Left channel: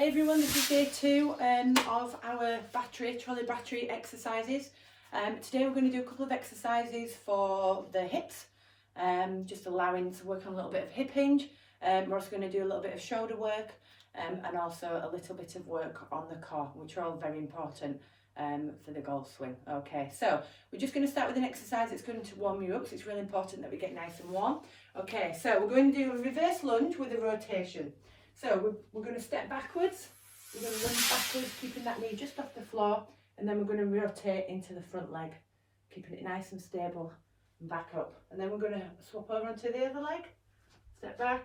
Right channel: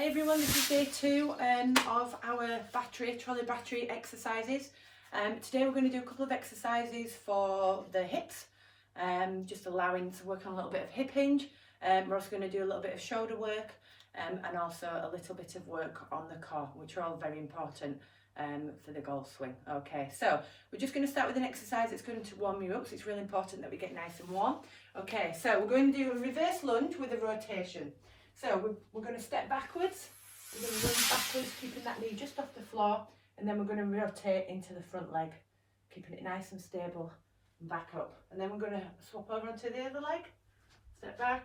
Hey everyone, this is day 2 of our trolley battery exercises. Today we're going to do a couple of exercises for the hips, just allowing to work on a little bit of hip hinge. We're also going to do a little bit of shoulder work and also a little bit of work on the core, which are all very important for the golf swing. Okay, so we're just going to start with an exercise that's going to warm you up, so it's really important that we get nice and warm. Okay, so we're going to do a reverse lunge with a rotation. So we're going to step backwards, we're going to run backwards, keeping that knee just off the floor, and then we're going to rotate into the front leg, keeping it nice and stable, and back up. And then we're going to swap over onto the other leg, step back,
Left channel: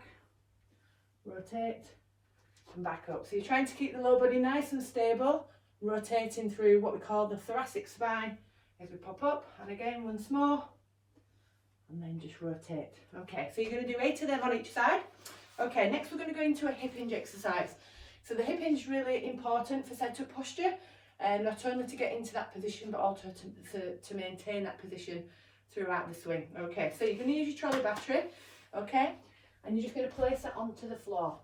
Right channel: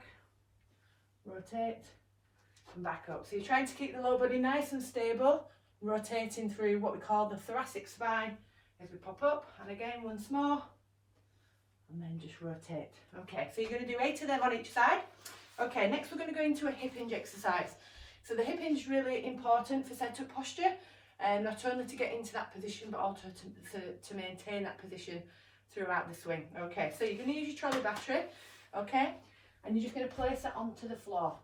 rotate, and back up. So you're trying to keep the lower body nice and stable, rotating through what we call the thoracic spine as we pop up. And again, once more, and then just rotate. Okay, so you're going to do 8 of them on each side. Okay, next we're going to go into a hip hinge exercise. So the hip hinge is really important for setup posture, not only to get into that position, but also to maintain that position throughout the swing. Okay, so you're going to use your trolley battery, okay, and you're just going to place that onto the floor.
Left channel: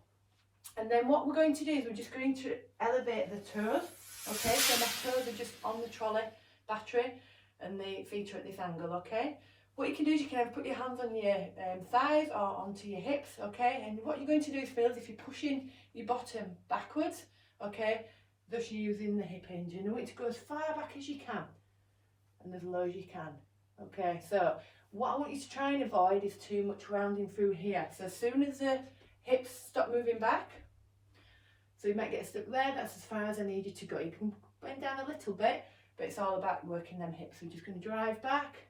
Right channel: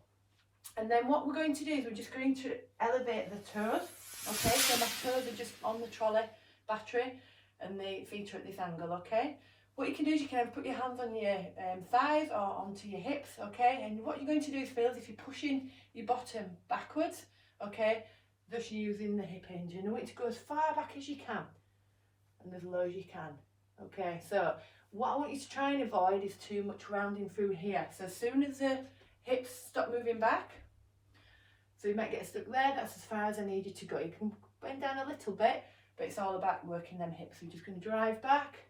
And then what we're going to do is we're just going to elevate the toes, okay, so my toes are just on the trolley battery and the feet are at this angle, okay. What you can do is you can either put your hands on your thighs or onto your hips, okay? And what you're going to do is feel as if you're pushing your bottom backwards, okay? Thus you're using the hip hinge. And you want it to go as far back as you can and as low as you can, okay? So what I want you to try and avoid is too much rounding through here. So as soon as the hips stop moving back, so you might get stuck there, that's as far as I need you to go. You can bend down a little bit, but it's all about working them hips. So you're just going to drive back,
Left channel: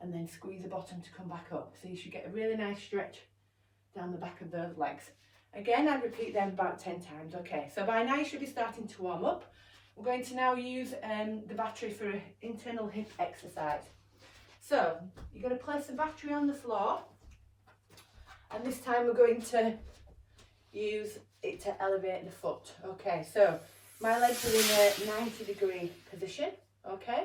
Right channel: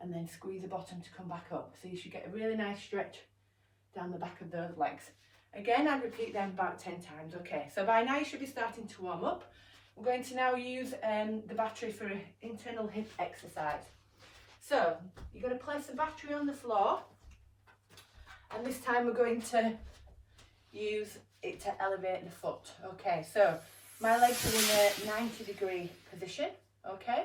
and then squeeze the bottom to come back up. So you should get a really nice stretch down the back of those legs. Again, I'd repeat them about 10 times. Okay, so by now you should be starting to warm up. We're going to now use the battery for an internal hip exercise. So you're going to place the battery on the floor, and this time we're going to use it to elevate the foot. Okay, so my legs are in a 90-degree position, okay?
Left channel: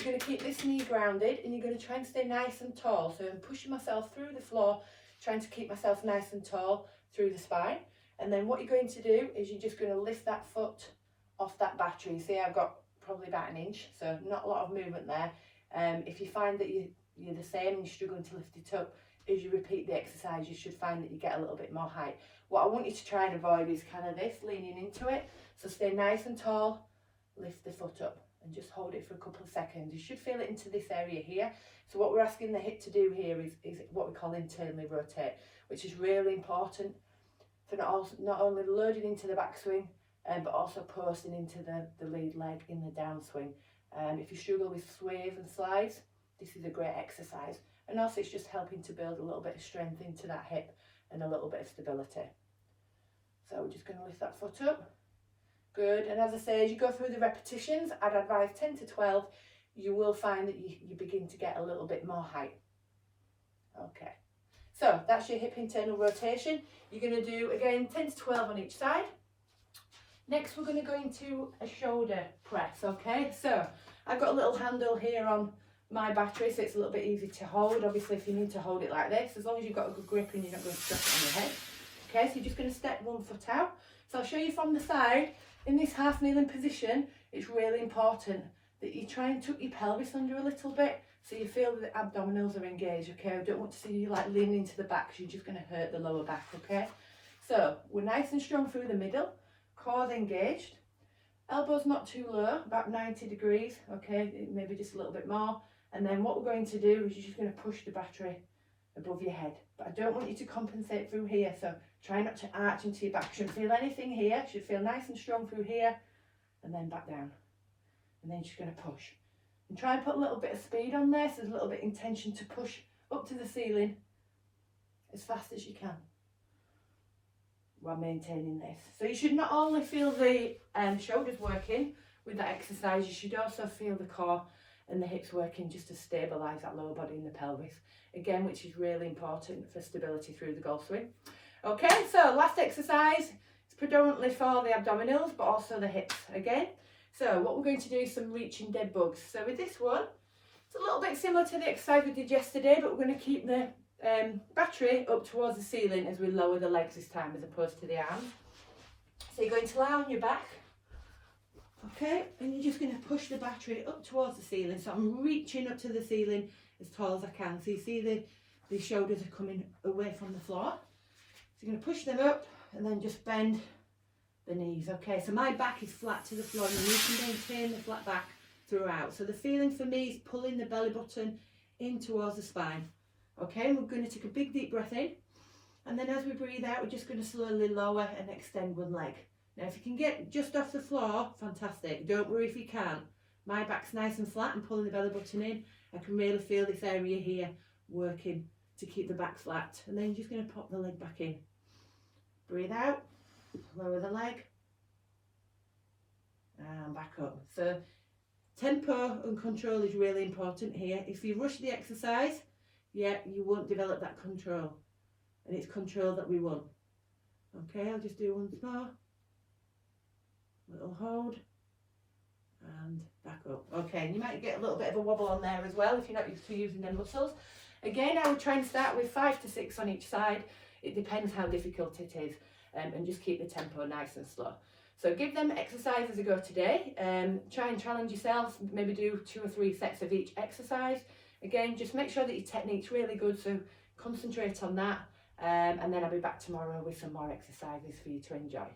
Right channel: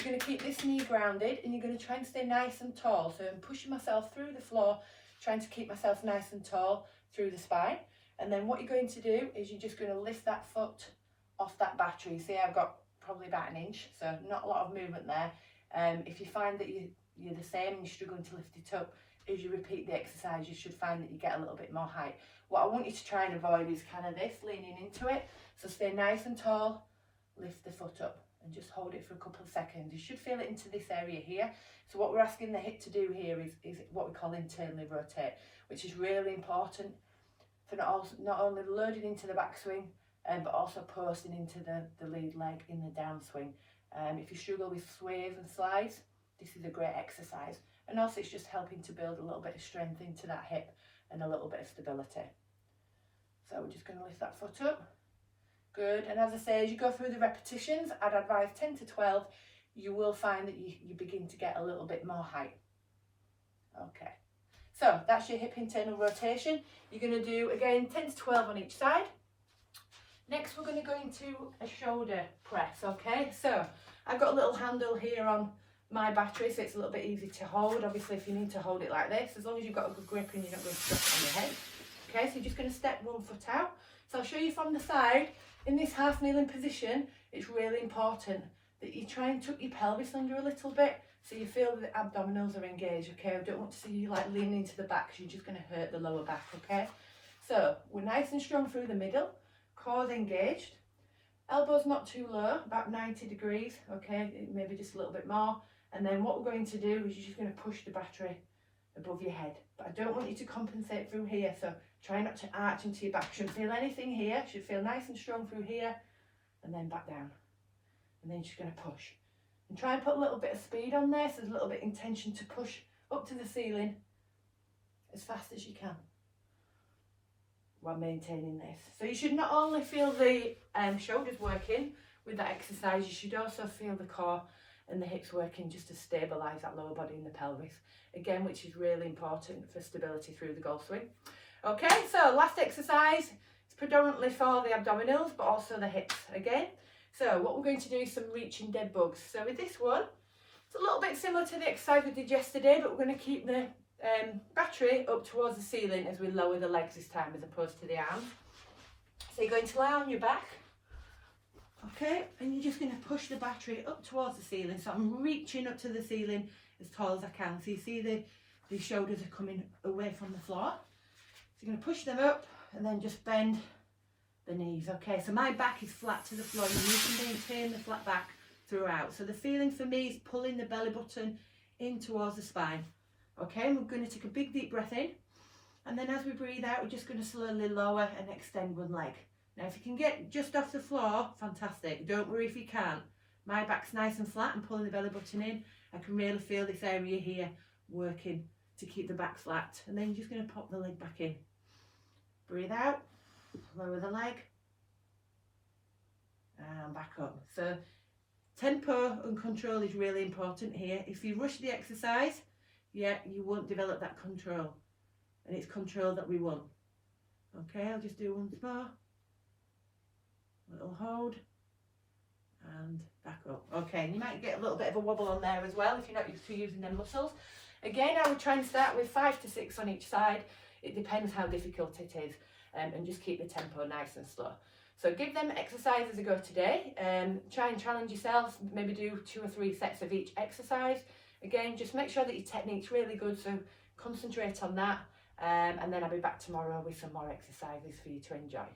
You're going to keep this knee grounded and you're going to try and stay nice and tall. So I'm pushing myself through the floor, trying to keep myself nice and tall through the spine. And then what you're going to do is you're just going to lift that foot off that battery. You see, I've got probably about 1 inch, so not a lot of movement there. If you find that you're the same and you're struggling to lift it up, as you repeat the exercise, you should find that you get a little bit more height. What I want you to try and avoid is kind of this, leaning into it. So stay nice and tall, lift the foot up, and just hold it for a couple of seconds. You should feel it into this area here. So what we're asking the hip to do here is what we call internally rotate, which is really important for not only loading into the backswing, but also posting into the lead leg in the downswing. If you struggle with sways and slides, this is a great exercise. And also it's just helping to build a little bit of strength into that hip and a little bit of stability. So we're just going to lift that foot up. Good, and as I say, as you go through the repetitions, I'd advise 10 to 12, you will find that you begin to get a little bit more height. Okay, so that's your hip internal rotation. You're going to do, again, 10 to 12 on each side. Next, we're going to go into a shoulder press, okay? So I've got a little handle here on my battery, so it's a little bit easy to hold. Obviously, if you need to hold it like this, as long as you've got a good grip and you're not going to stress it on your head. Okay, so you're just going to step 1 foot out. So I'll show you from the side. In this half kneeling position, it's really important that you try and tuck your pelvis under a little bit so you feel that the abdominals are engaged, okay? I don't want to see you like leaning into the back because you're just going to hurt the lower back, okay? So we're nice and strong through the middle, core's engaged, elbows not too low, about 90 degrees, okay? Maybe just a little bit more. And then what we're going to do is you're just going to push the battery above your head. But I don't want you to compensate through here, so try not to arch into your back. Shouldn't feel anything here. Should feel nice and strong through here, and then back down. And then she's going to push. And try and put a little bit of speed on there, so there's a little bit of intention to push up to the ceiling as fast as you can while maintaining this. So you should not only feel the shoulders working with that exercise, you should also feel the core and the hips working just to stabilise that lower body and the pelvis. Again, which is really important for stability through the golf swing. Okay, so last exercise is predominantly for the abdominals, but also the hips again. So what we're going to do is some reaching dead bugs. So with this one, it's a little bit similar to the exercise we did yesterday, but we're going to keep the battery up towards the ceiling as we lower the legs this time as opposed to the arms. So you're going to lie on your back. Okay, and you're just going to push the battery up towards the ceiling. So I'm reaching up to the ceiling as tall as I can. So you see the shoulders are coming away from the floor. So you're going to push them up and then just bend the knees. Okay, so my back is flat to the floor and you can maintain the flat back throughout. So the feeling for me is pulling the belly button in towards the spine. Okay, and we're going to take a big deep breath in, and then as we breathe out, we're just going to slowly lower and extend one leg. Now if you can get just off the floor, fantastic. Don't worry if you can't. My back's nice and flat and pulling the belly button in. I can really feel this area here working to keep the back flat. And then you're just going to pop the leg back in. Breathe out, lower the leg, and back up. So tempo and control is really important here. If you rush the exercise, yeah, you won't develop that control. And it's control that we want. Okay, I'll just do once more. Little hold. And back up. Okay, and you might get a little bit of a wobble on there as well if you're not used to using them muscles. Again, I would try and start with 5 to 6 on each side. It depends how difficult it is. And just keep the tempo nice and slow. So give them exercises a go today. Try and challenge yourself. Maybe do 2 or 3 sets of each exercise. Again, just make sure that your technique's really good, so concentrate on that. And then I'll be back tomorrow with some more exercises for you to enjoy.